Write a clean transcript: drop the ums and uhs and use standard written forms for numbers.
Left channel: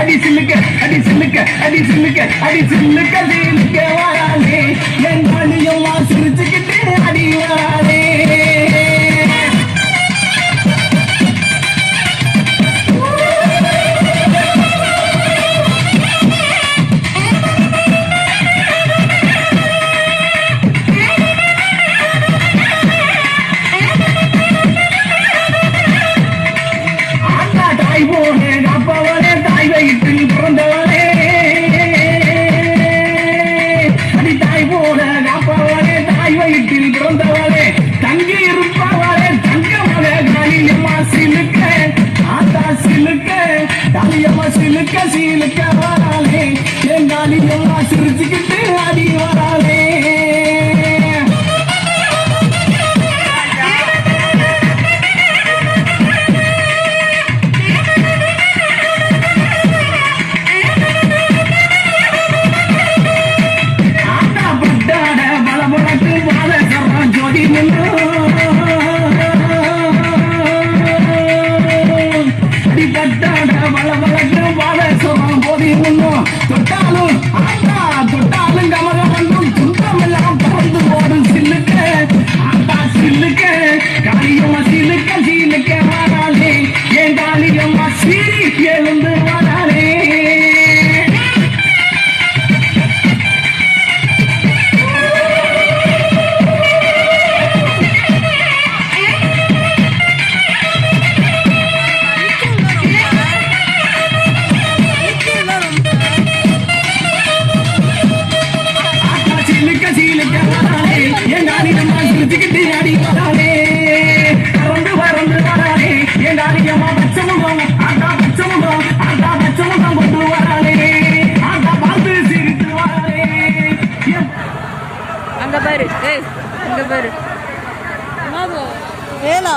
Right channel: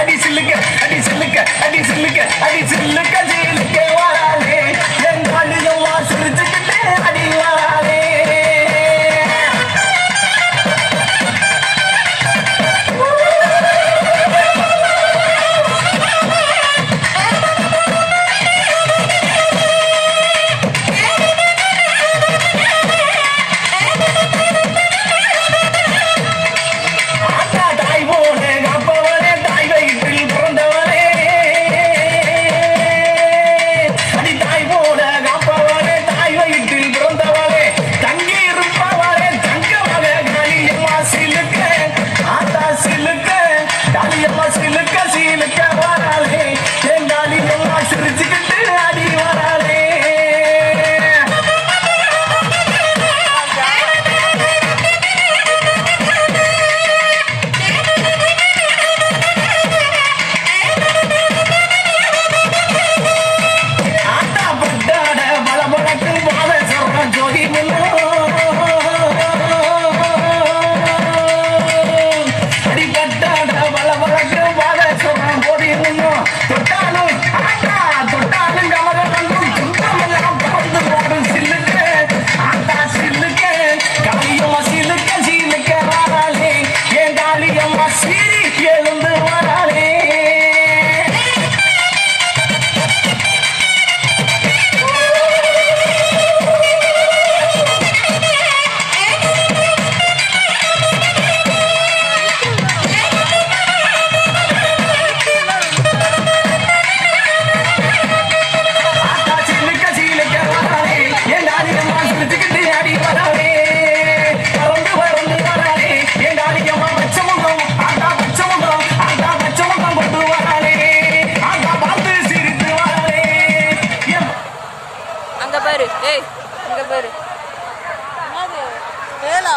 அடி சில்லுக்க அடி சில்லுக்க அடி சில்லுக்க அடி சில்லுக்க சில்லுக்க வராளே என் காலியெல்லாம் சிரிச்சுக்கிட்டு அடி வராளே சிலுக்க சிலுக்க வராளே எங்காலி எல்லாம் சிரிச்சுக்கிட்டு அடி வராளே ஆட்டா பட்டாட பலபலத்து பாத சொல்றான் ஜோடி தொட்டாலும் ஆட்டா தொட்டாலும் கமகமன்றும் துன்பமெல்லாம் பறந்து போடும் சில்லுக்க ஆட்டா சில்லுக்க காளியம்மா சிலுக்க சீலுக்க வராளே என் காளியம்மா சீரி எழுந்து வராளே அங்க பாரு ஏய் அங்க பாரு என்னது வேலா